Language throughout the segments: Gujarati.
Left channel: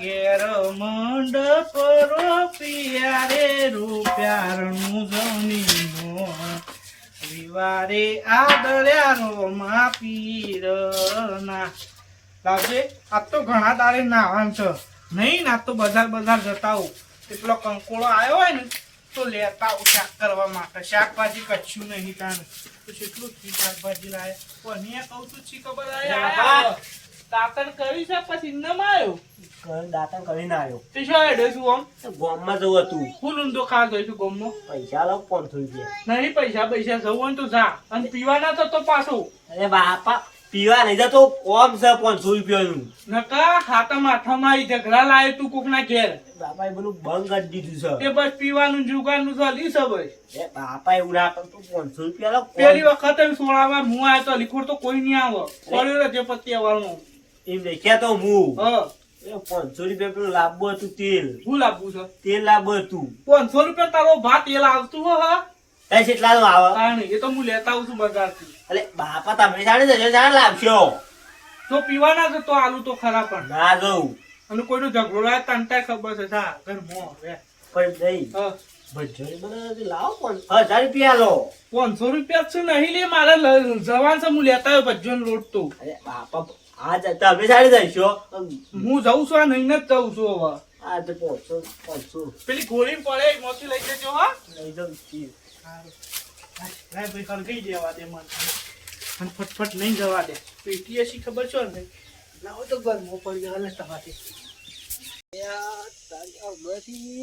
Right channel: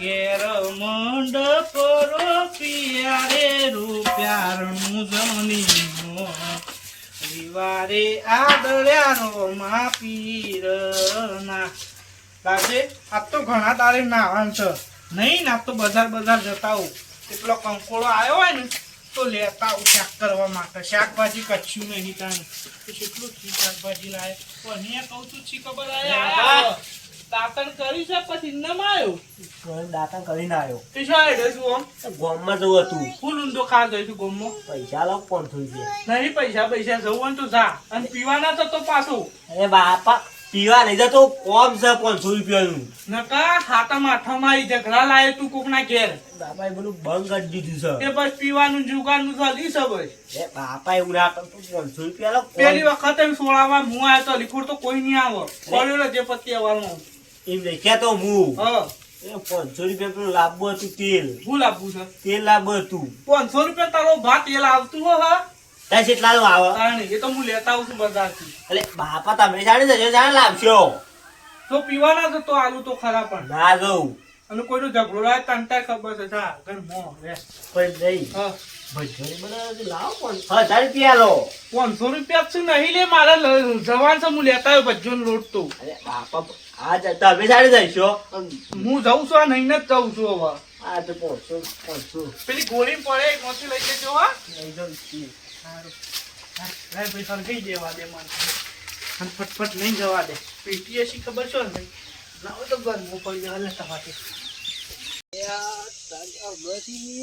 ઘેર મંડપ રોપિયા રે રૂપિયાનું જની રવિવારે આદર્યા રોમા પીરના લાગે આ તો ઘણા તારે નામ છે નહીં ના તો બજાર જતા હોઉં એટલો કંકોળો આવ્યો હોય ને તો લેતા આવું શાક કરવા માટે શાકભાજી કચ્છું નહીં તાને તો કેટલું શાકભાજી લાવે પણ કહું છું છી ખબર આવે દાંતણ કરી છે પછી નમ આવ્યો દાંતણ કરીને આવ્યો તે શું હેડ્યો છું આમ ગોમમાં જવું હતું ફૂલ ઊંધો ખાધો છું ગોમમાં પૈસા લાવ 500 રૂપિયા નહીં પૈસા જવું હોય તો જા અને પીવાના તો પાછો અરે બાપા પીવા નહીં જતો કોમ છે 500 રૂપિયાનું નકા ખાતા માથામાં આવી ઝઘડા લાવે તું કોક ના ઘેર બાપા એ બધું બંધ કરી દીધું છે તે બસ પીવાનું જુગારનું ચાલી છે બસ એ બાપા એવું ના કરતું 500 રૂપિયા લાવ પેલી વખત એમ સોળામાં હું આવ્યો તો લીખોડ તો કોઈ નહીં આવે કોલેલો જે પત્તી આવવાનું એમ દેખ્યા તો હું હા એ 500 રૂપિયા પેલું લાવવું હતું તેલ ભૂલ આપવું છે તેલ લાવવું હતું 500 રૂપિયા તારો ભાત તેલ આવતું હો હા ત્યાં કેટલાનું આવે તાણે એ તો હું લેતા આવું છું બજારથી એટલે બાપા તમે જાણે છે જાણે લાવશો તો પીવાના છે તો આલુ તો ખરા પણ ના જવું અને કોઈનો ઝઘડો લાવે તંટાય ખબર છે જા ઘરમાં રે પણ નહીં હા ભજ્જોરી બનાવે લાવો પણ 1000 રૂપિયા લો 500 રૂપિયા છે નહીં લે મારે જવાન છે હું લેતા આવ્યો ભજ્જોનો લોટ તો અરે બાપા આજ તમે જાણે જઈશો હું જઉં છું આ નહીં જ જઉં છું હવે આ તો 500 પેલી ગોળી પડે એમાંથી લઈ જજો હા લઈ જાઉં છું સારું લાય ભાઈ સરગઈ દેવા દે મને અને ફટફટ નહીં જવા દે પેટી હશી ખબર છો ને ભાઈ લાવો તો ગરમો પડી જાય ને તમારે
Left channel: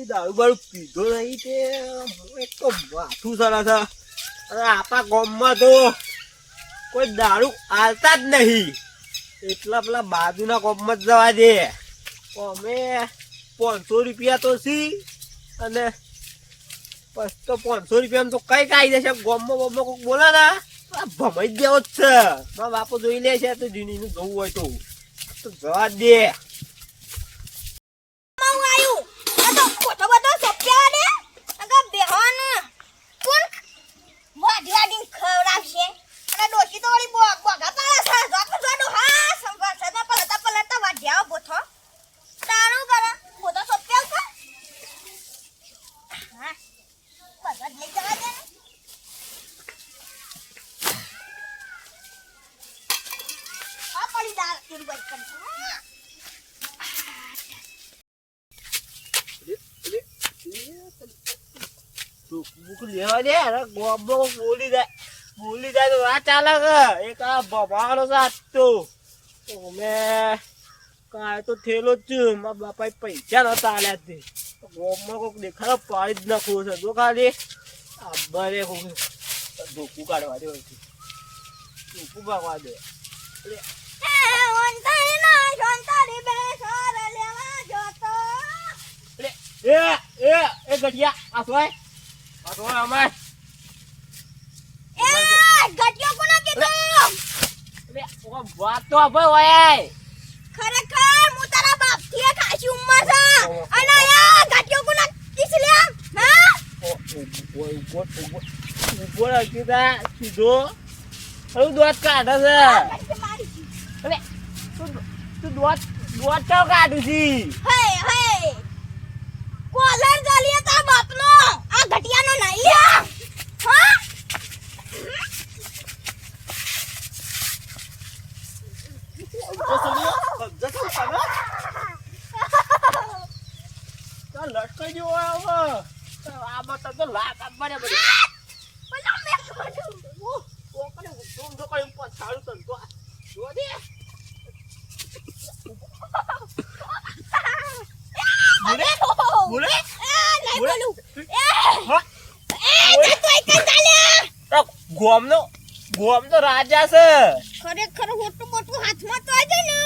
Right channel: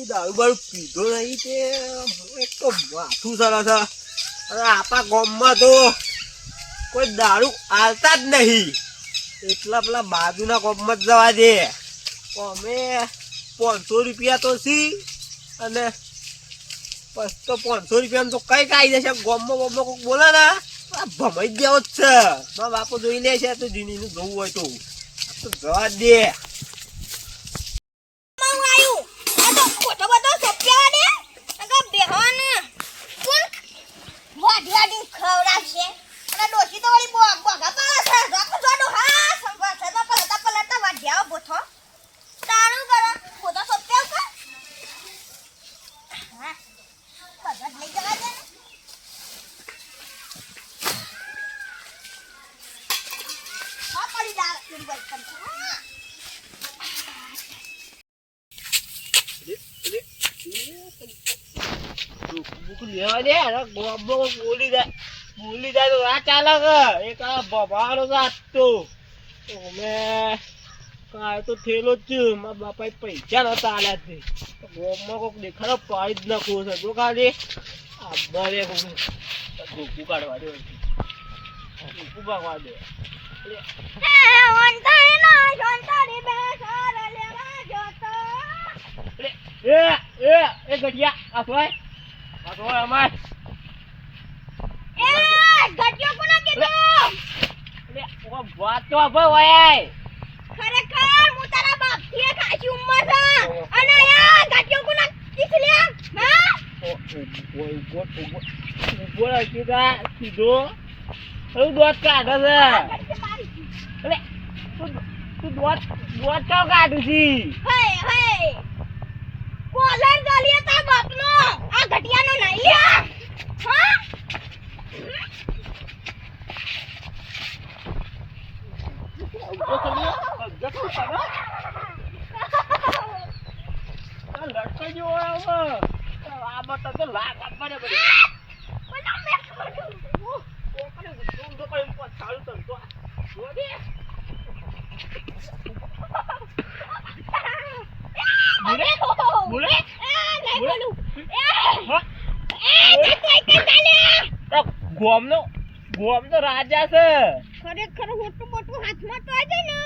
દારૂ બારૂ પીધો નહીં તે એક તો માથું સરસ છે અને આપણા ગામમાં તો કોઈ દારૂ આલતા જ નહીં એટલા પેલા બાજુના ગામમાં જ જવા દે અમે 500 રૂપિયા તો સી અને બસ તો 500 રૂપિયામાં તો કઈ કાઈ જશે ગામમાં કોઈક બોલે ને ભમાઈ જ દેવો જ છે મારા બાપો જોઈ લે છે તો જીનીનું જોવું હોય તો જવા દે લેવા દે બોલી જાય તો આ ચાલે એક આ બબાડો જાતો અમે કાંઈ તો થયેલો જ છે મારા બાપા પૈસા નતા આલ્યા છે ગોમમાં કોઈક દેખાડો પાડી જ નાખવું છે તો ખાલી આ બરે ધોકું કાઢવા દે ધોકું ભાગવા દે એ ગઢિયા આ સોય અમાર ગટિયો કોના કીધો લે ઓ વાત તો ભાઈ ખરેખર હું તારા બાપ થી ખાસી ઉંમર છે અને આ ગટિયો કોના કિસલે હા ઉભો કીધા સીધો હું દોત કાઢે છે અરે તું દોત તો કાઢું છી હે કોલર ચાલીએ તારા બાપનો આ ગટિયાનો નહીં લ્યા હા લટકાઈ ગયો આમાં તો લાગ આપવા દે બધી બોલા મે છોડું બોલે ગોમ તો રાજા છે ખરેખર હોટું મોટું હાથમાં તો આજે ને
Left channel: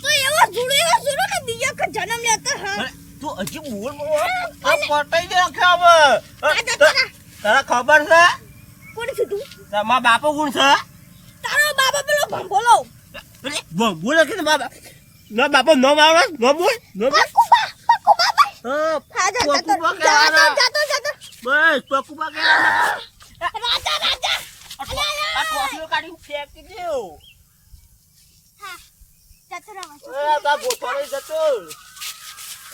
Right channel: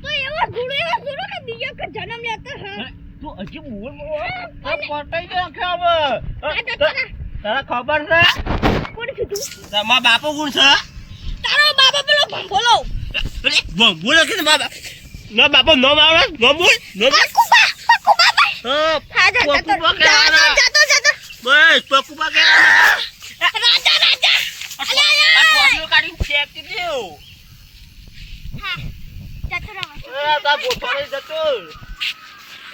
તો એવો જુડો ને બીજો કે જન્મ લેતા હા તું હજી બોલ પટાઈ દે તારા ખબર છે કોણ છે તું તમારા બાપો કોણ છે તારો બાપા પેલો ભંભોલો બોલો કે ના બાપો ન મારો ન બોલ ન બોલ કુબા હા જાતો બસ પકુબા કે રાજા આ કોફીઓ કાઢી ફેંકી દેવ હા જાતો રહો તા બોફારે જતો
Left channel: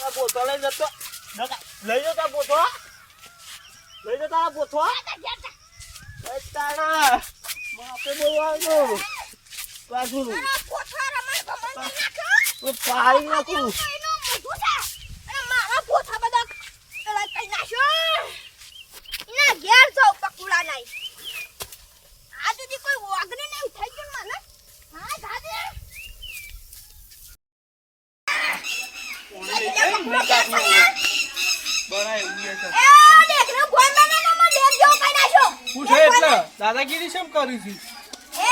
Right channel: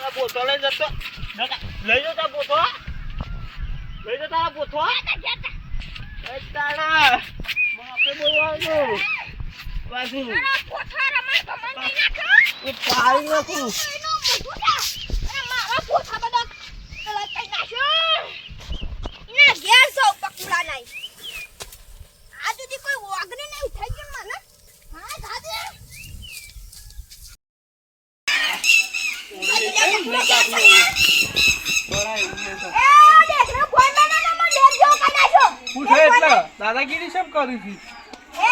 આ બોથો લઈ જતો લઈ જતો બોથો લઈ જતો આ બોથો તાણા માપે બોલવાનું પાછું તારા પોથા રમાય ભમણ કરી નાખો. પાડી નાખું એનું મોઢું છે. અને મારા પોથા બધા પેલા કઈ નાખ્યો. એના ઘેર સૌ પકુડા નહીં. આ સુધી કોઈ વાગને નહીં થઈ ગયું મને. હા દાદે. બરાય ઉઈએ છે. એ દેખનો ફોન બનાને મને લેટ જેવો કઈ નાખ્યો. હું છે એટલે દાદાગીરી કેમ કરી છે? એ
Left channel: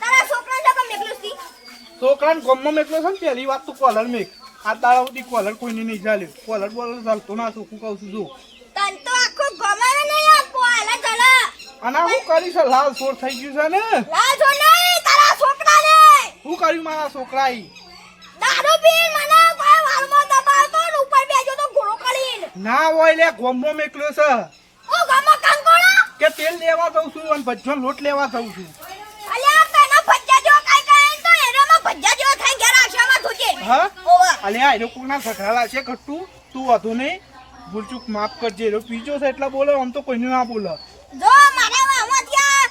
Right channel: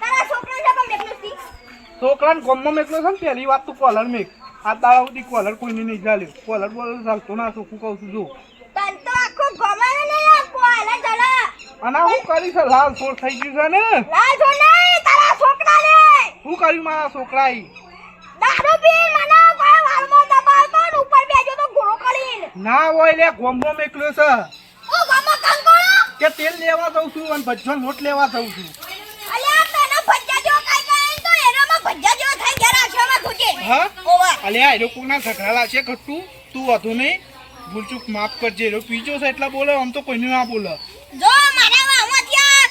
તારા છોકરાને કેમ મેકલું છી? છોકરાને ગમમાં મેકલો છે ને પહેલી વાત તો કોલર મેક. આ દાડા સુધી કોલર કોઈને નહીં ચાલે. કોલર બોલર ચાલતો ના શું કહું છું જો. તન તો આખો ગમાવે નહીં આપો આલા જલા. અને આ હું કરી છે લાલ સોર થઈ ગયું છે ને. લાલ જો નહીં તારા છોકરાને. શું કર્યું મારા છોકરાએ? દારૂ પી મને કોઈ વાલમાં દબાવતો ને ઉપર બેજો તો ઘોડો કરીને. ના હોય લે ગોમમાં મેકલ્યો છે ઓ ગામમાં કંકોડો. કે તેલ લેવા જઉં છું અને ભજ્જો લોટ લેવા જઉં છું. અલ્યા તને ભજ્જા જેવો કાઈ કાઈ તો એનામાં ભજ્જા જેવો થઈ ગયા રાશિયામાં ઘૂચે. હા ઓવા. અલ્યા એનો કોકના ઘઘરાલા છે ઘટતું તું વધુ નહીં ભૂલચૂક માફ કરજે એનો પીજો છે એટલે બોલે આમ તો કોઈને ના બોલે. જો મારા વામો થયા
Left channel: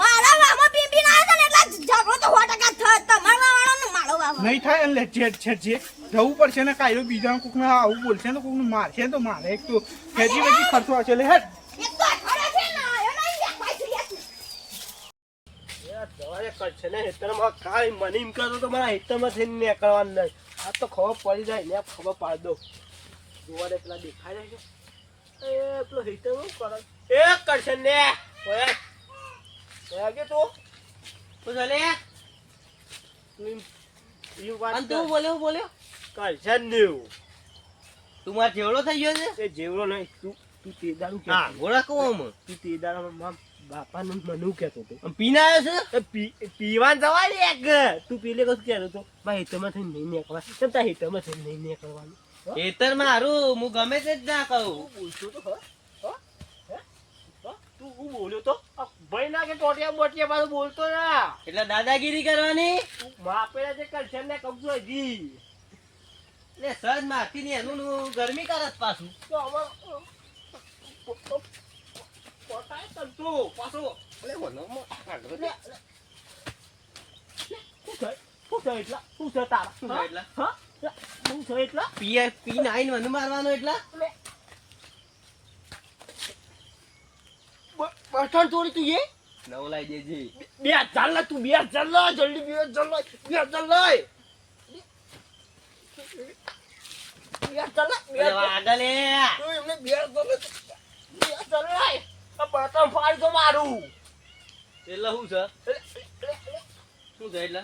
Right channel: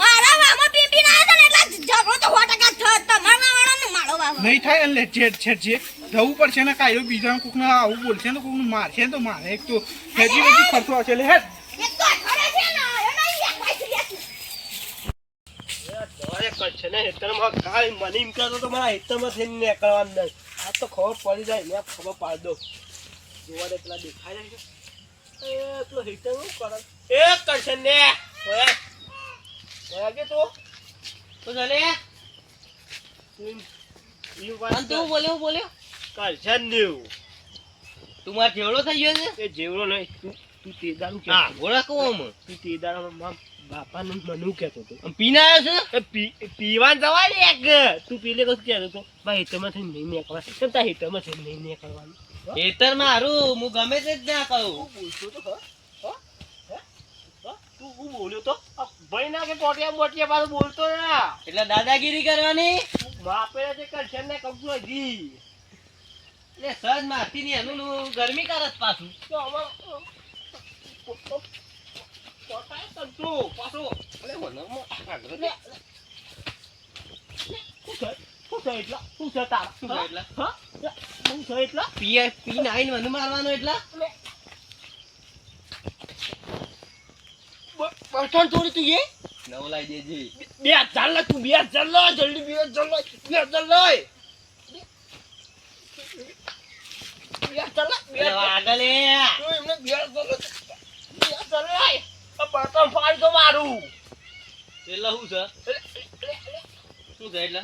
મારા વામો પીપી ના હતા ને એટલે ઝઘડો તો 100% થયો. તમારા વાળાનો મારો વામો. નહીં થાય એટલે છેડ જવું પડશે ને કાયરો બીજા કોકને આવું બોલશે ને કોકને મારશે ને તો મારે એક તો હેજી વેજી ખર્ચો હશે લે હેડ. એક તો અઠવાડિયે છે ને એનો એક પાછી લેતી. દવાએ કરશે ને હેતરમાં કાઈ મને એમ કહેતો તો મારા હેતરમાં થઈને નીકળવાનું નહીં આ તો ખબર પડી જાય ને ખબર પાડ દો જોવા દે પેલા દેખાય જાય છે એ પેલો હેતર શું કરે એ કરશે ને ઓયા કે તું ચાલે તું બોલ્યો કરશે ને તું માર જેવડો થઈ ગયો છે એ જેવડો નહીં તું તે દારૂ કે હા ગોળા કહું તું તે દારૂમાં બાપાને મને કહેતો હતો પીને આવ્યો છે પીવાન જવા લે એક તું પેલે કશું કહેતો હતો ભાઈ હેતરમાં થઈને નહીં નીકળવા કેમ તાર હેતરમાં થઈને નહીં નીકળવાનું ખેતર મારું હું ગમે તે જ ના કહું બોલતો તો તું હું બોલ્યો તો ભાઈ ના કે ટોટિયા મોટિયા પાછું બોલતો ના એટલે દાદાગીરી કરવાની માપે જે કરશે ને કબજો હજી એટલે સજ મારતી ની એનું ગરમી કરત પાછું તો અમાર પોતાએ તંતુ પાછો એટલે વનરમાં આગળ લે શું છે એટલા શું છે તારા શું છે એટલા? હા શું છે એટલા પીને આવીને મને મારવાનો એટલે બર્તન તોડી તું એ નવ લાઈ દેજે બે ચાલ લે તું બે ચાલ લે જલ્દી બે ચાલ લે એટલે આગળ લે તું એમને બે ચાલ લે આ બર્તન ફાડી તો મારું એટલે શું છે શું છે એટલે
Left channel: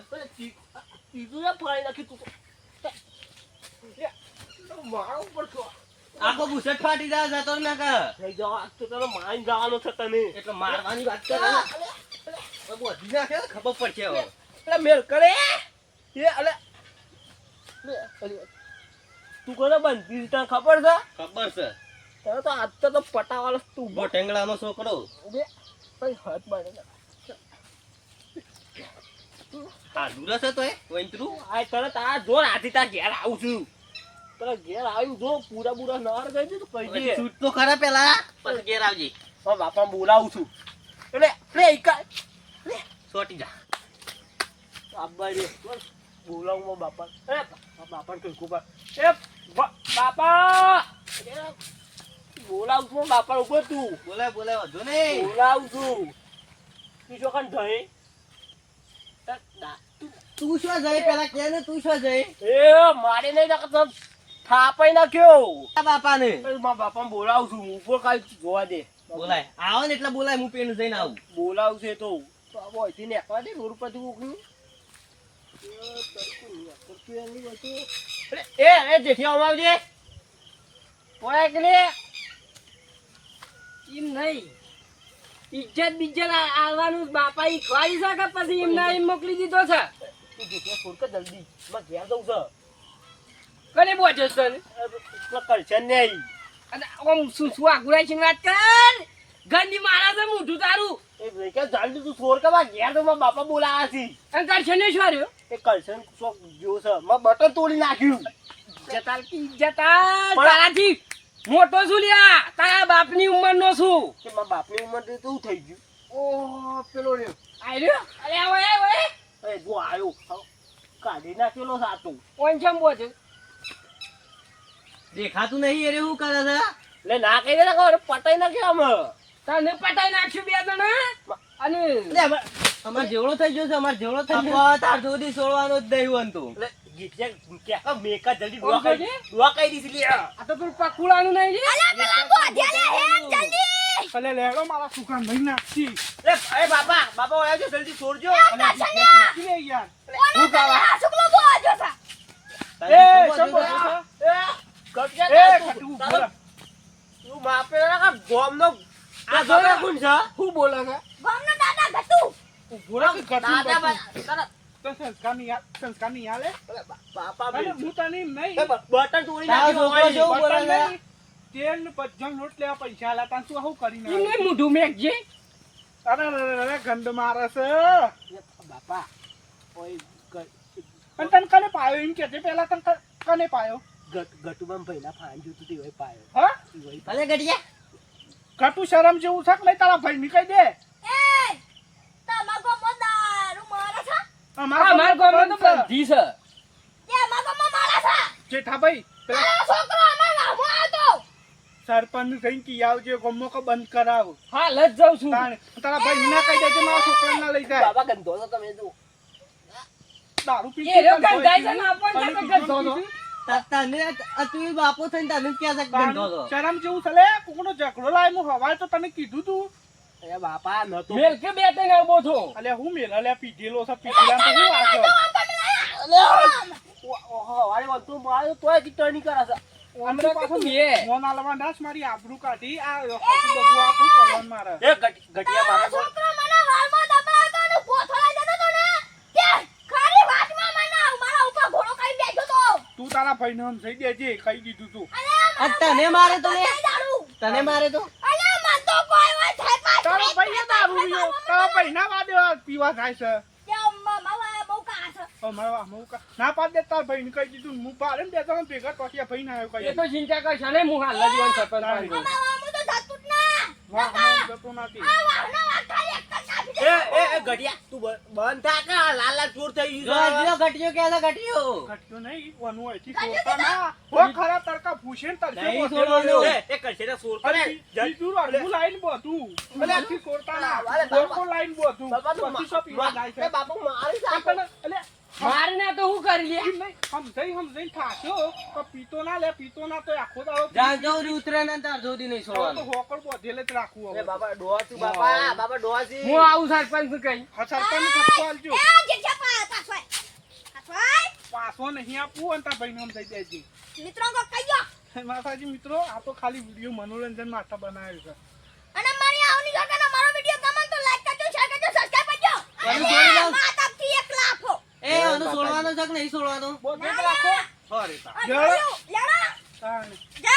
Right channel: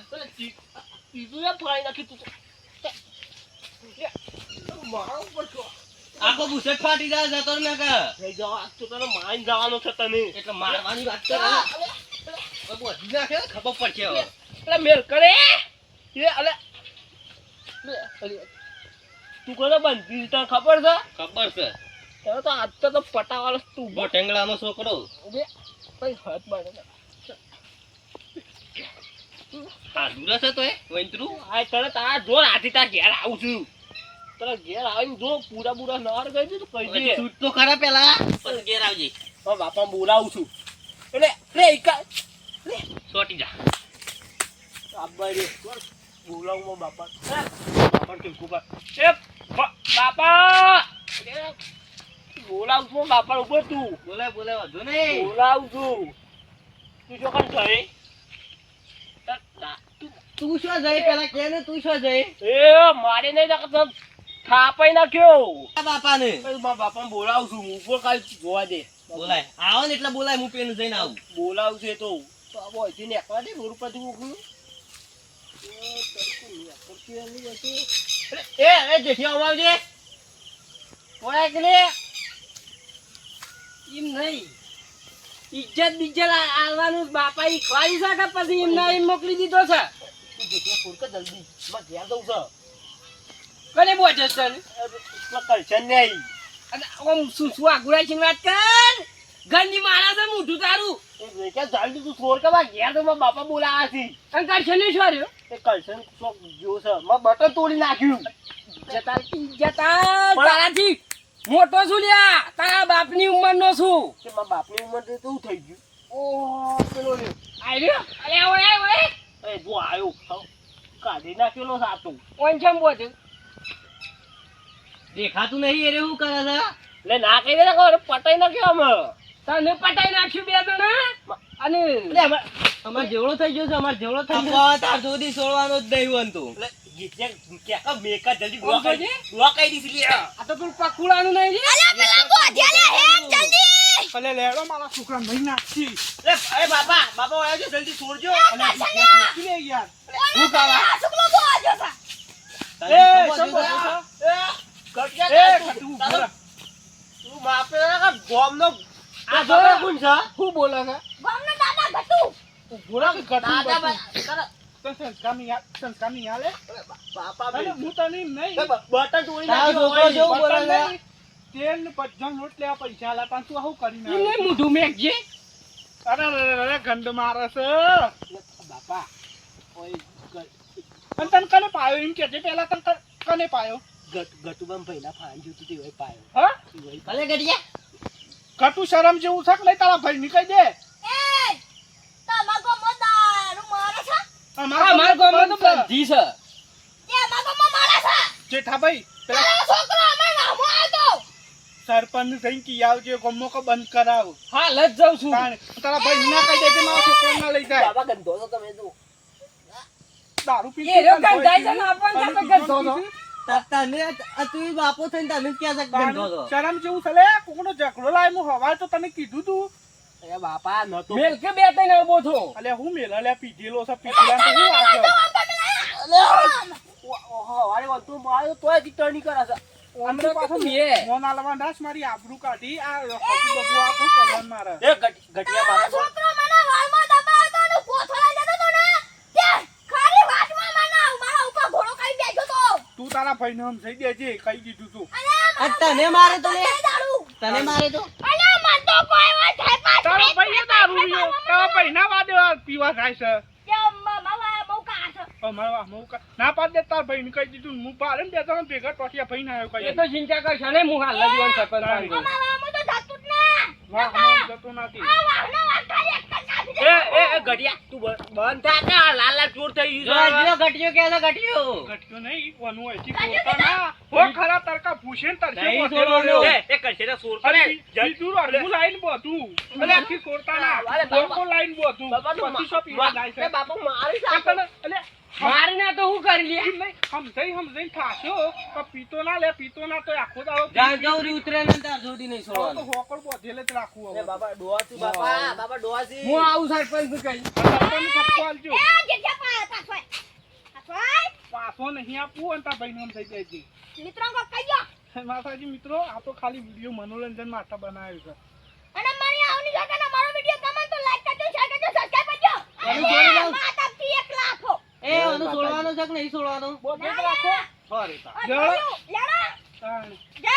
તીધું એ ફાડી નાખી તું મારા ઉપર છો આખો બુસટ ફાટી જાય જતો ને કે થઈ જાવ આજ તો તને માઈન જવાનો છે તને એટલે મારવાની વાત કરે બધી નાખે ખબર પડશે હવે એટલે મેલ કરે એ અલે તું કોને બનતી તને ખબર છે ખબર છે તને તો આજ તો પટાવાળો તું બો ટેંગલાનો છોકરો ઉભે કઈ હાથ બાળે આ દૂર છે તો એ વંતરું આ તને તારા જોર હાથી તાર ઘેર આવું છું તને ઘેર આવીને જો પૂરા નર ગઈ છે તો કહી દે છૂટ તો ખરા પેલા પછી ઘેર આવજે મારા બાપા બોલાવું છું એટલે લે એકા સોટી જા આબાઈ રે બોલાવું મારા બાપા બાપા તું કુબા એ બાપા બોલાવું છું બાપા ઉપર તું બોલાય વધુ નહીં બોલાવું છું તું શું કામ થઈ તું શું જઈ પેલા કે ને તું શું જઈ એ મારે નહીં નાખતો થાપાઈ નાખ્યો આ બાપાને મારા બાપાને બોલાવું છું ઉપર કાંઈ જોવા દે બોલાય આવો ને એટલે બોલાય હું પેલું જઈને આવું બોલાવું છે તો અહીંથી નીકળવા દે રોડ પરથી ઉકળું એ જેઠી આવજે ઓય કે લે એમ નહીં ઇજ્જત બીજ્જત આવવાનું બાપા ઈ ખવાઈ છે કે પછી એમને એમ મોકલી દીધો છે તું જેઠી ફોડ કર જલ્દી માં ઘેર જવું છે કને બોજો સર પેલા કરશે નહીં અને આમ શું આગુરાઈ છે વાત કર ઘરની મારા છે મોઢું તારું એ કે જલ્દી તું છોડ કે માં ઘેર તો મારા બાપા બોલાયા છે અને કરશે ને શું રહ્યો એ કરશે શોખ જો છે માં બટન તોડી નાખ્યું ઇજ્જત આલ કે ઇજ્જત આલ. તારાથી મોટો છું લ્યા, તારા બાપની ઉંમરનો છું. કે મારા બાપની ઉંમર તો શું થઈ ગયું? ઓહ, પેલો રહ્યો. આઈ રહ્યો. અરે ઓય ઓય એ જો આયો. કાઢી નાખેલો સાતું. ઓન ચમ બોજ. દેખાતું નહીં એ રે શું કરે છે લે ના કહી દે ને કહો પટાઈ નાખ્યો અમે. તને પટાઈ નાખ્યું બે જણા અને અમાર જેવડો થઈ ગયો છે અમાર જેવડો થઈ ગયો તાર સુધી છોડવાનો જ નહીં બનતું લે ગીચે કે મેકા જલ્દી ઓમ દુઆ કરજે. કરી દુઆ કરી દીધી લે. આ તો પેલું પકુડાનું નહીં રે. ભલે લેડો મારા છોકરા નહીં નાખતી લે અરે બાપા બાપા ઓયા જો જલ્દી છોડજો. અને નાખી લે યાર હું કાવા આ છોકરો બહુ આજો છે. એ એ કટકે એ તું ખટું તારો તું બાપે ના ગોમનો આ આ જો. બાપા કોણ છે? શું બોલે છે? ગામનો દાદા ગટુ. ઉભોરા કે કટું દાદા કટું. ભાઈ તારા તો સંસ્કારની હાલે બાપા અરે બે હું તને એમ નહીં બટન તોડી તારો નાખ્યો છોકરો હોય. જો- બોલે છે? બટન નહીં. તેલ ને પજ્જમ લોટ લેવા પૈસા આલા તાં તું આવું કરીને એમને આવે? મોઢું મેકજે. અરે ગંડ મારે છે બાપા ઓય અને તને કને પાયો એમ કે પેલા તને કને પાયો ગટુબામ પહેલા ફાન જોતું તે હોય પાયો હા ઈ હોય ભલે ગડિયા કટુ શરમ જેવું છે કે નહીં તારા ભાઈ ની કહી દે એ તમાર ગામમાં દારૂ મારે છે. અમારા ગામમાં તો બધી છે. તે અમાર ગામમાં મારે છે. જેઠાભાઈ પેલા આ છોકરો અમાર ગામમાં આવ્યો. સરપંચ કઈ કી આવજો ગમો કો બંધ કરાવ હાલ જ જાઉં છું. તારા ભાઈ ના કહી દે મારા છોકરા ના લઈ જાય બાબા ગંધો છો તમે જો દારૂ પી એ રહ્યો ગંધાઈ છે ને આપણને તો ગંધો છો. તને આ તું બાપો થઈને તને ક્યાં છે ગંધો છો શરમ જેવું છે લે કોકનો ઝઘડો લાય હું હવાય તો તને કીધું તું એ બાપા નતો મેલ કે બે ત્રણ આવો છો. અલે હું મેલા લે પીધેલો છે પીધેલા તો હું વાંચો ઓહો વારે વંતુ માર્યો તોય ટીટણી કરે છે અંદર પાછો બે. મોન આલવા દાસ મારી આબરૂ કાઢી આ હસુ બબુ આપું કરવાનું મારે એ ગટિયા આ મારે છોકરો મને વાળમાં દબાવતો અને કોથળા જતો તો ને કે ખાલી વાતમાં મને મારા ઉપર ઘોડો કરી બેઠો તો. તું તારા ભાઈ ને સમજાઈ દેજે કહી દીધું તું અને આ તને મારે તો લે દારૂ. તને મારે તો અને મન તો કોઈ વાત થાય પાછો. તારો ભાઈ દારૂ પીયો તારા ભાઈ ના વાદે પીવા થાય છે કે મામા બહુ કાસ. અમારા ના પાડ દે તાર ભાઈ ને કહી દીધું હું પાડે ને બે ત્રણ ભેગા ટોટિયા ભાઈ ના આવ્યો એ કહી તો ચિંતા કરશો ને હું હાલ જ વાન સરપંચ પાસે જઉં. મામા તો થતું જ ના. વાહ મને જતો નથી આ વાહનો વાખાલી એક જ નાખી દે. એ ગટિયા તું બંધ થા કે આ લાલ લાલ ચોર થઈ જો ગયું છે ગટિયો કે છે ગટિયો ઘટ્યો નહીં વાનું હોય છે છોડતા ના હો ખરા તડકા ભૂસે ને તરસે નહીં બોધેલો છોડવાનો. રહ્યો. એ કશે ને સોર અરે કરે બીજું રડવું લાઈન બોધું અને આખી છોડતા ના અરે બાપા. ગોળકો લાઈન બોધું બાપા તું પછી શું પીવા જાય છે એ બાપા મારી પણ સાપ તને અલે મારે ના તો હું કરી લે. એમ નહીં સમજાઈ થાશો તો પીતો ના લે પીતો ના તો આખો દાડો જ્યાં જવું ઉતરે ને તાર સુધી નહીં તો છોડવાનું હોકળ બોધેલે જ રાખવું એ હવે બાપા ડોહા તું બાપા બાપા ડોહા છે હું આવું સરપંચ કઈ. સરપંચ ખપકો આલજો એ જેઠા પાછો આય. પાછો આય. પાછો નહીં આપવું અને તાર ભાઈને સમજાઈ દેજે મિત્રો કો કહીયો. માતાજી મિત્રો આ તો ખાલી વિડીયો મનોરંજન માટે બનાવ્યું છે અને મારી આવની જોડે મારો વિડિયો ગમે તો લાઈક કરજો શેર કરજો સબસ્ક્રાઇબ કરજો. અને જોઈ લો. માતાથી એક લાફો. એ આનું છોડવાનું છે કે નહીં છોડવાનું બોધે જ રાખો સોરી તા લેડો. તાણે. જય